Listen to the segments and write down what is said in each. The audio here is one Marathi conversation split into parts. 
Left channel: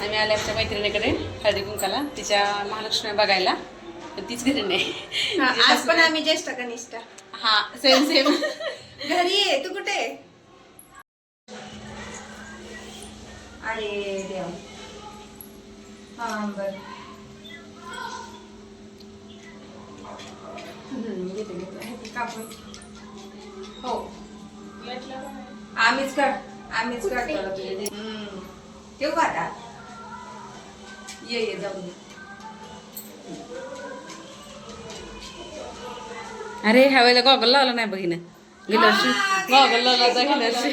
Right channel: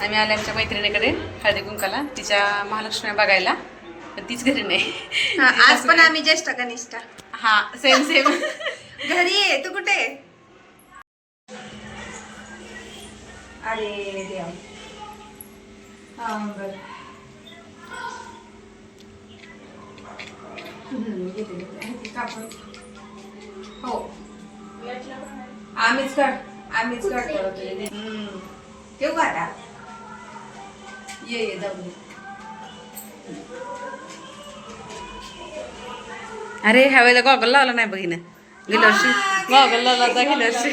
आम्ही आल्या आमच्या मैत्रिणीकडे हळदी कुंकाला तिच्या महालक्ष्मी बघायला. पण तीच घरी नाही. हा, आज पण आम्ही ज्येष्ठ कनिष्ठा. हा सेम सेम घरी ये तू कुठे आहे? अरे देवा. हा बर. हो. आम्हीच कर आम्हीच करतो हम्म. येऊ का आता? ये ये जाऊ. अरे ह्या वेळेला गॉगल लावला नाही बघिन. गेल्या वर्षी गॉगल लावला होता गेल्या वर्षी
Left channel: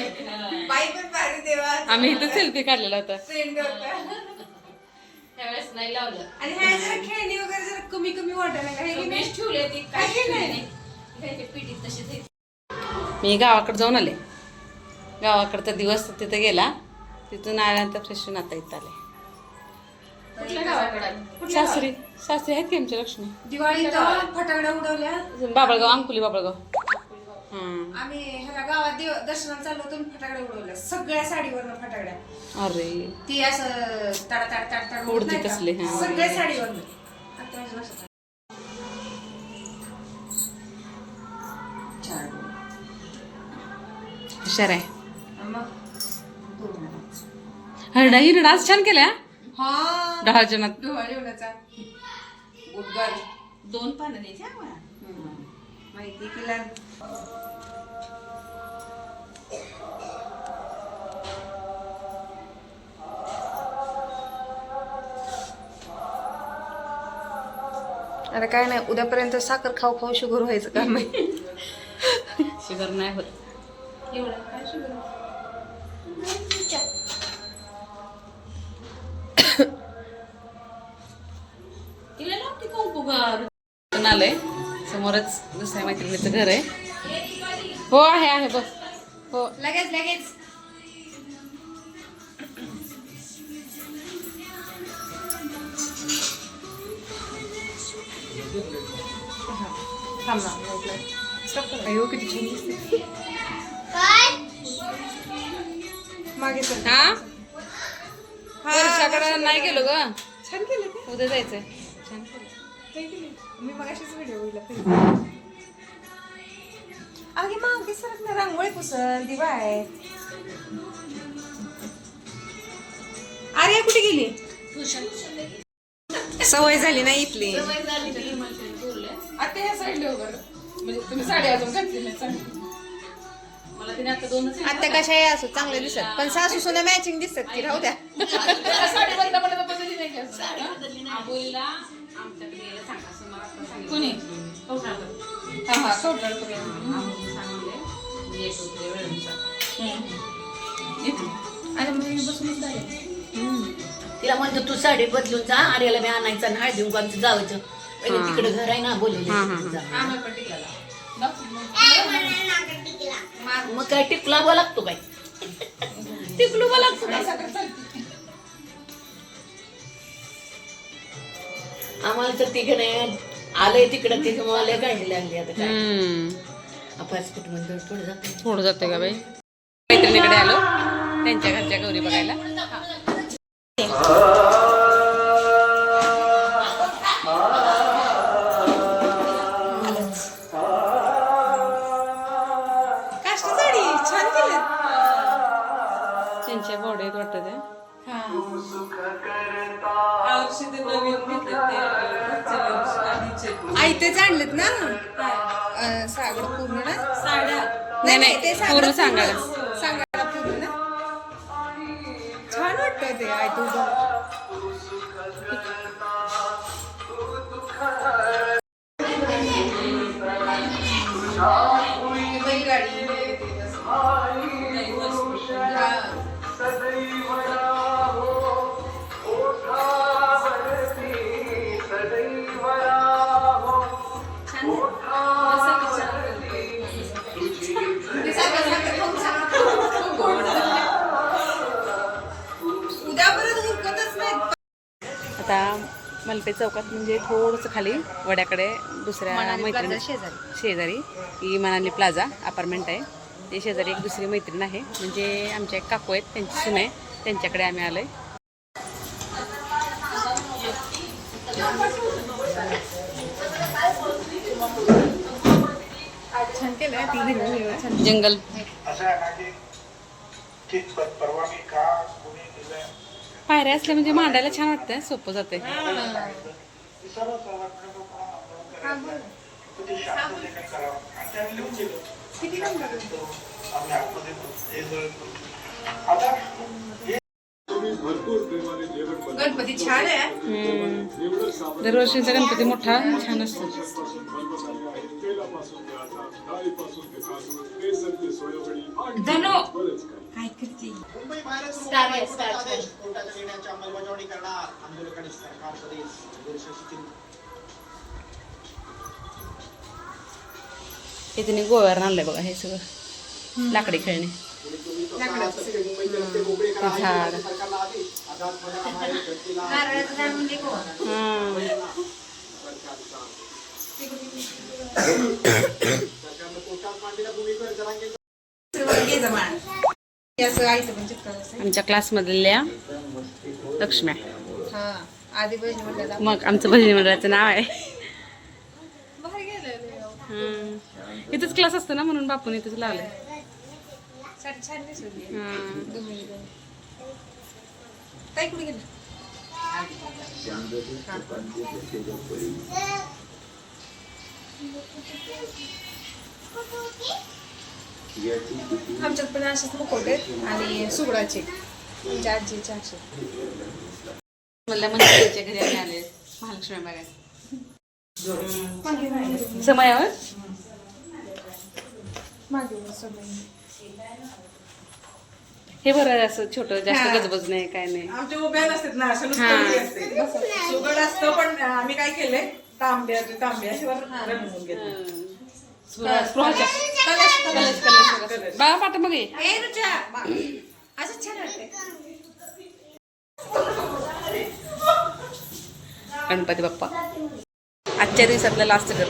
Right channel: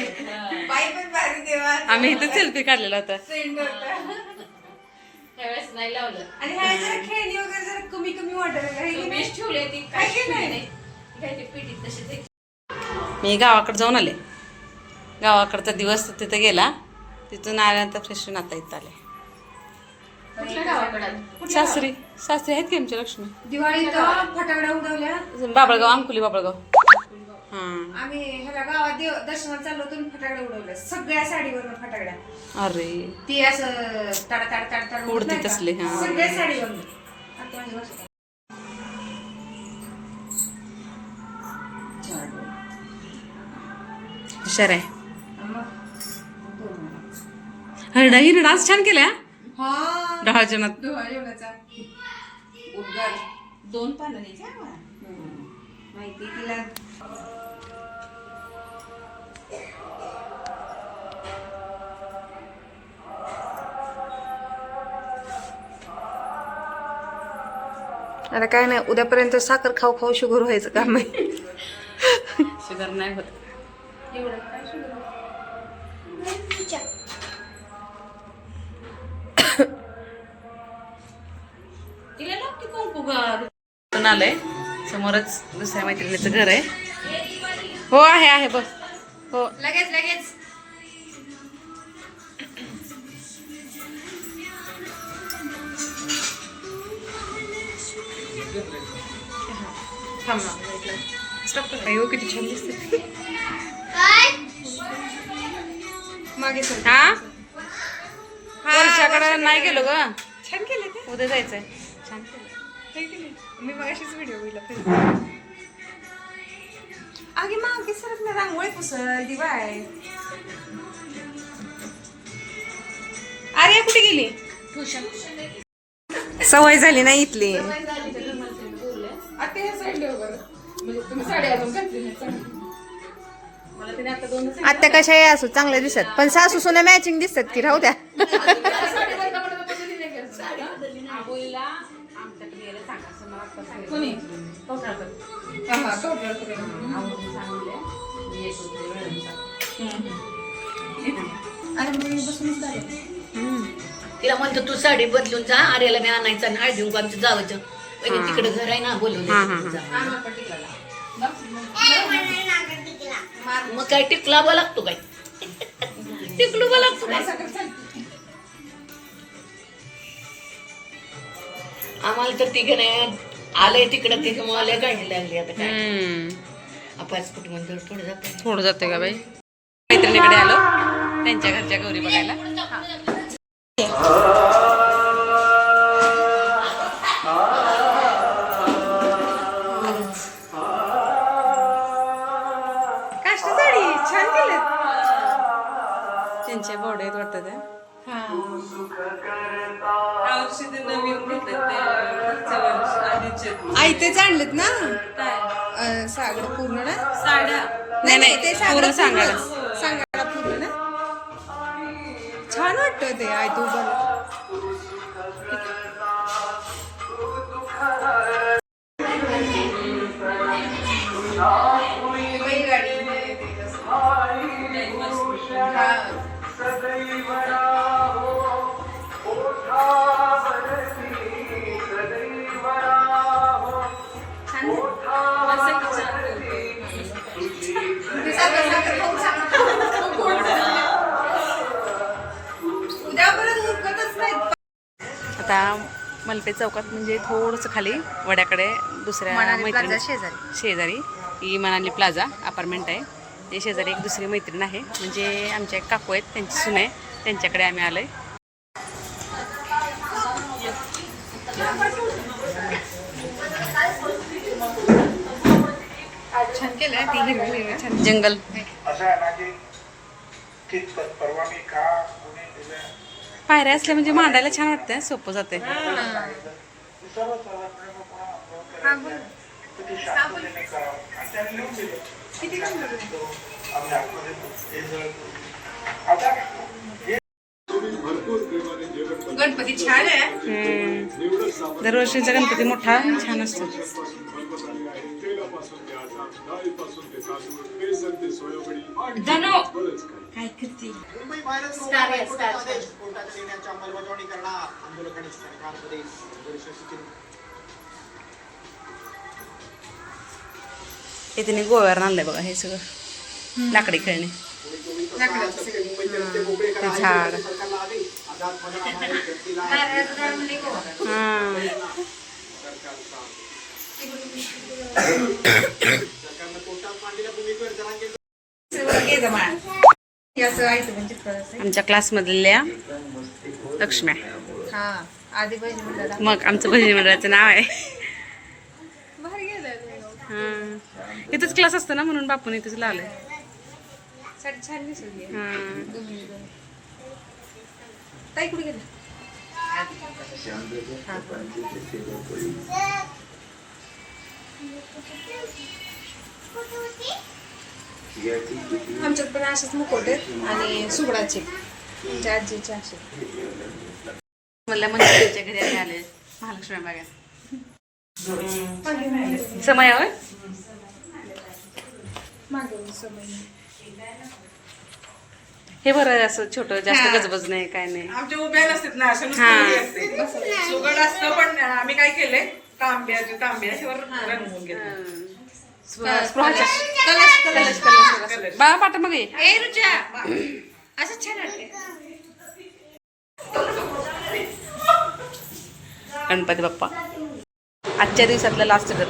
बाई पण भारी देवा. आम्ही इथं सेल्फी काढलेला होता. नाही लावलं. आणि ह्या जरा खेळणी वगैरे जरा कमी कमी. हे ठेवले ती काय? नाही. तशीच आहे. मी गावाकडे जाऊन आले. गावाकडचा दिवस तिथे गेला. तिथून आल्यानंतर फ्रेश होऊन आता इथं आले. कुठल्या गावाकडे सासरी. सासरी आहेत की आमच्या लक्ष्मी? दिवाळीत फटाकड्या उडवल्या? बाबळगाव अंकुली बाबळगाव. हां. आम्ही ह्याला गावात देव दर्शनाला चाललो होतो आणि फटाकड्या उडवल्या. सगळ्या साडीवर फटाकड्या अरे. ती असं तड तड तड तड उडती नाही का? तसली, हा. सगळ्या साडीवर हुशार आहे. हरडा ही डान्स छान केल्या? हा. दहा जणात डोहा जेवणाचा उद्गार. दोन पानं द्यायची आम्हाला? माहिती तिला. आता काय नाही उद्यापर्यंत साखर खाऊ खाऊ शुगर व्हायचं काम आहे. शुगर नाही होत. एवढं काय शुगर? पण आलंय. समोरच दुसऱ्या मैत्रिणीचं घर आहे. हो आहे आहे बस हो. लगेच लगेच. किती छान दिसते हा? वर्षाकडे नाही गेलो ग. छान केले ते. उद्या जायचंय. छान केलं केले. मी मग अशीच व्हिडिओ बघितला. आगे मागे सरत ना रांगोळी पुसल दिवा आहे अरे कुठे गेली? सवय झाली ना इथली. आता ह्या साईडला बरं. म्हणजे तुम्ही साडी अजून घातली नाही चांगली. मला तिने आता दोनच आता कशा आहे असो चांगल्या दिसत. पण सासू सुना मॅचिंग दिसत की राहू द्या? आबोलीला आमच्याकडे यायला सांगा. कोणी? हा हा. मी बसूनच. तिला म्हणतो तू साडी बदलून जा आर्याला मी आणायचं आणि हळदी आमचं जावचं तिकडे घर आहे ना बोलून टिकला. मग काय टिकलावा लागतो काय? टिकलूवा लागतो. काय आम्हाला तर तिघे आले तिकडे तिथे मला गाडी लागली आता काय. अपास कुटुंब थोडं जातं थोडं जाते का बाई? मैत्रिणीकडे आलो. त्यांच्या घरच्या गौरी बघायला. काष्टी साडी छान त्या आई तेच आणलेत ना? अं, सागर पूर्ण? ना साड्या. नाही, नाही, ते सागर पूर्ण सांगायला. सांगायला पूर्ण ना छान वाटतं ते आय तू आता मलपे चौकात म्हणजे थोडंसं खाली वड्याकडे दुसऱ्या मैत्रिणी प्लाझा शेजारी. शेजारी. ही मनाली प्लाझा अपार्टमेंट आहे. ते शेजारी एक दुसरी मैत्रीण आहे. म्हणजे आमच्या एक काकू आहेत त्यांची सून आहे. त्यांच्याकडे आम्ही आलोय. छान केलं ती हिरवी जंगल. आहे की कितपत परवानगी का कोणी दिल्या पायऱ्या असल्या म्हणजे मांडायला छान वाटतं सोपं जाते हा हे हे गणपती छान आहे. दरवर्षीचा गणपती मोठा छान असतो. धनो करते हे तिने गोव्यावर आणलंय बघा हे सगळं. लाकडी खेळणी. झाड. म्हणजे. हा. आमच्या क्लासमधल्या लक्ष्म्या. हा मग आमचं बहिणी मंडळाचं नाव आहे. हा. इथंच क्लास असतो ना म्हणून बापून इथंच लावलंय. हा. आमच्यात पण असेच मुकोट आणि सुगडाचे आमच्या आजीचे असे. म्हणल्या मंदिराच्या घरी आम्ही आले महालक्ष्मी बागात समयावर हे बरं असं छोटं जास्त गजबज नाही काय नाही. आमच्या उभ्या नसतात ना असं सुगड असतं पण आम्ही काय केलंय? स्पृहा- स्पृहाच्या. कलश कलश कलश बाळा पाठ मग ये ए रुचा असं छान वाटते गणपती बाप्पा. आजच्या दिवसातलं लास्ट घर.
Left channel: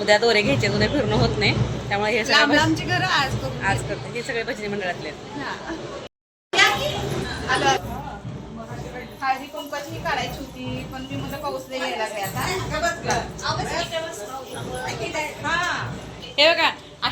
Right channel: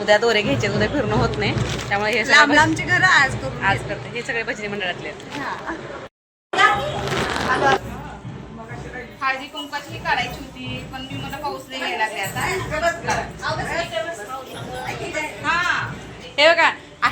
उद्या दोरे घ्यायचे उद्या फिरणं होत नाही. त्यामुळे हे लांब सगळं लांबचे घर आज आज करते. हे सगळे भजनी मंडळातले आहेत. हळदी कुंकाची काढायची होती पण मी मला पाऊस नाही यायला लागले आता. हे बघा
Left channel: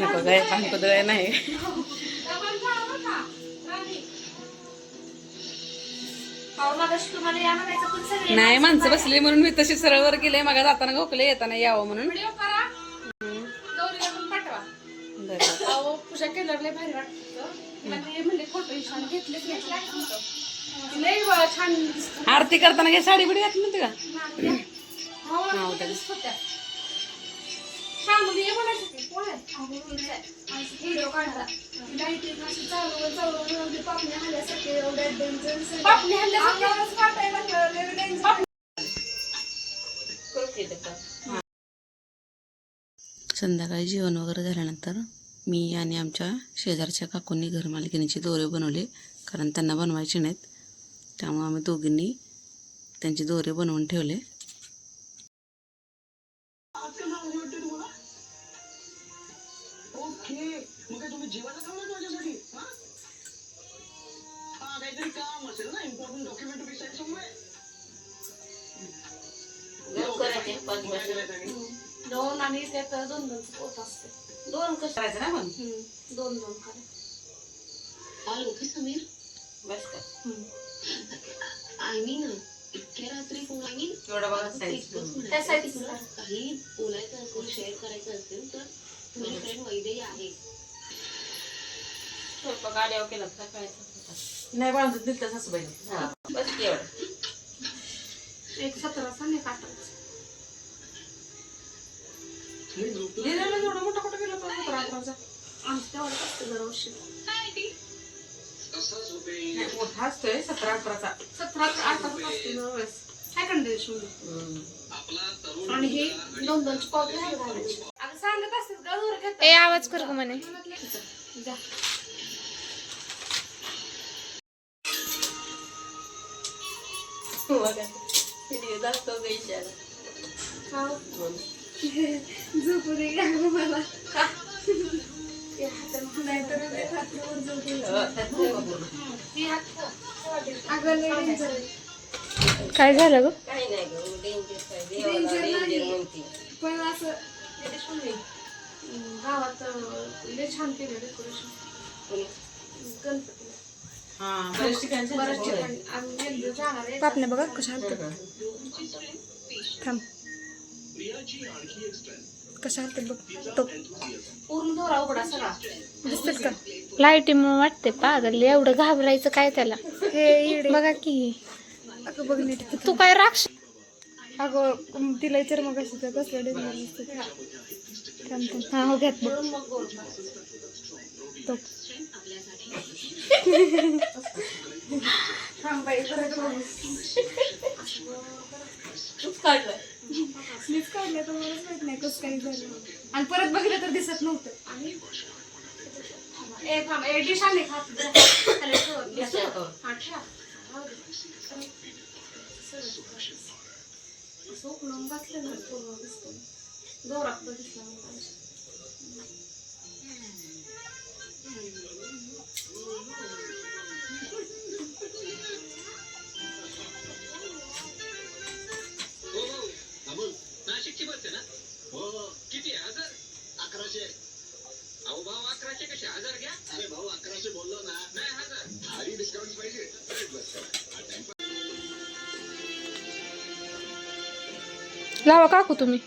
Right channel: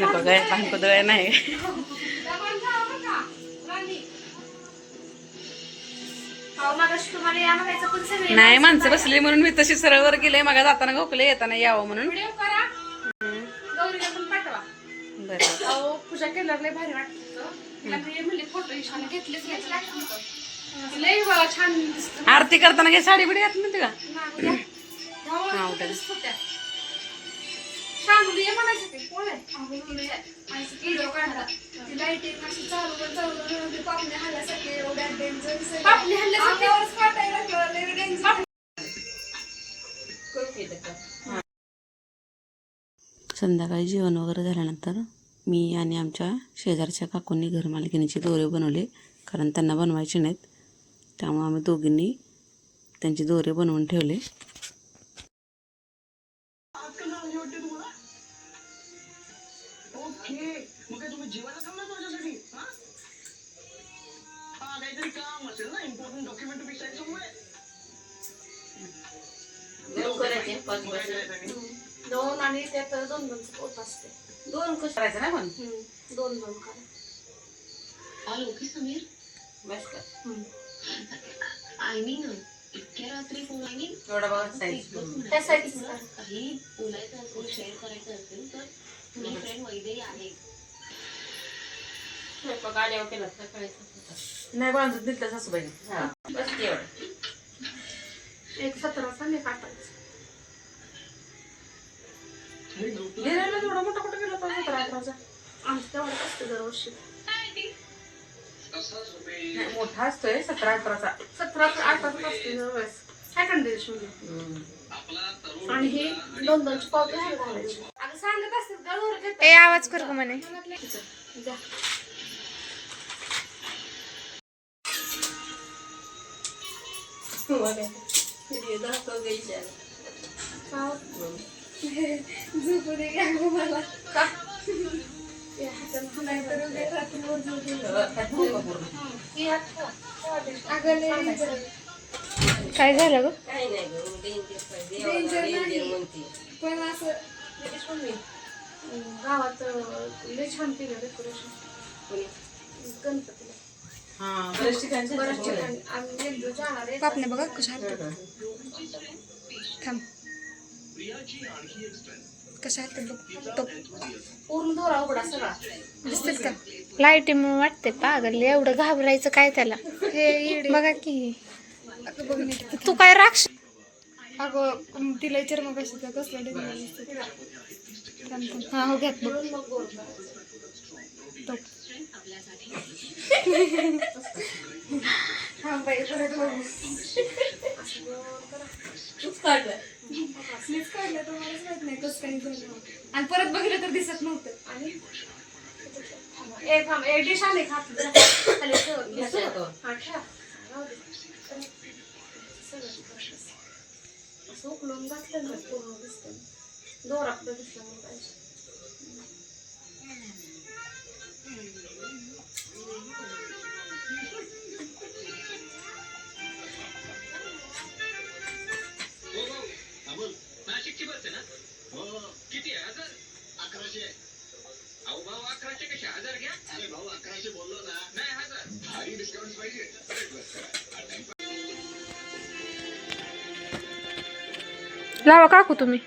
नको काय भांडकुदळ नाही. नाही माणसं बसली म्हणून मी तशी सरळ वर गेले मग जाताना गोकले येताना यावं म्हणून. घेतला दिसत. आरती करताना काही साडी बिडी घात म्हणते का हा उद्या छान म्हणजे हे म्हणायचं ते. कोण आहे? व्हिडिओ काढला तिला इथे अशी चालू चालू पापणी हल्ल्यासाठी एवढ्या डेंजर पापणी हल्ल्यासाठी काटायला लागलं लय डेंजर संध्याकाळी जेवण वगैरे झाल्यानंतर मी आणि आमच्या शेजारच्या काकूंनी घरमालकिनीचे दोरे बनवले. कारण त्यांना बनवायचे नाहीत. त्यामुळे आम्ही दोघींनी त्यांचे दोरे बनवून ठेवले. दोन आणि त्यात दोन दोन पोत असते. दोन कसं करायचं ना पण दोन दोन करा बस कर. आय मीन इतक्या रात्री फोन आय मीन एवढा बघा साईज. काही बोलायचं असेल शेअर करायचं असेल तर माझी फ्रेंड वैदेही आहे. स्वयंपाक आल्यावर केला तर कळायचं नाही बांधून दिलं तर सासूबाई बस एवढं. एक सतराचा नाही काटायचं गिरायला एवढा मोठा कुठं गेला होता? सतरा अठराचा आमचं तेवढं असतं दरवर्षी. नाही, मोठा असतोय सतरा अठराचा सतरा अठराचा असते ना वेळेस काय कंडिशन. आणि हे दोन दोनची पाव घ्यायला घालायची अगं सांगत असतात ए आवाज कर ग म्हणे. द्या. हा. झोपू दे मला? का. काय झालं ग? Danger नाही. पण असं गावात लय छान केलं डेकोरेशन गणपतीला. हा बरेच ठिकाणी बऱ्याच ठिकाणी. बघा कशा थांब. कशा बघ पूर्ण दोरा उघडा सगळा. दिसतेस का? लाईटी मग वाटते पागल एवढं घाबरायचं काय त्याला? हे बघा की. तू काय राक्ष अगं तिला विचार मग कसं कसलं डिझाईन दिसतं हा हो घ्यात तो. थांब बाई, परत बघू. स्लीव्स काढल्या तर काही झालं आणि परत बघितलं तर दिसत नव्हतं. आणि? ए थांब ए डिश आले खात खाली ठेव. हा, ठेव. राहू दे. असं उकळून घातलं ना पूर्ण दिसतं दोरा कुठं दिसला मला पाहिजे. नाशिकची बस आहे ना? हो. किती? आहे हजार? अकराशे. अहो भाऊ अकराशे कसे? हजार घ्या. अरे भाऊ अकराशे बोललो ना. नाही हजार. भारी डिस्काउंट पाहिजे. लावा काकू तुम्ही.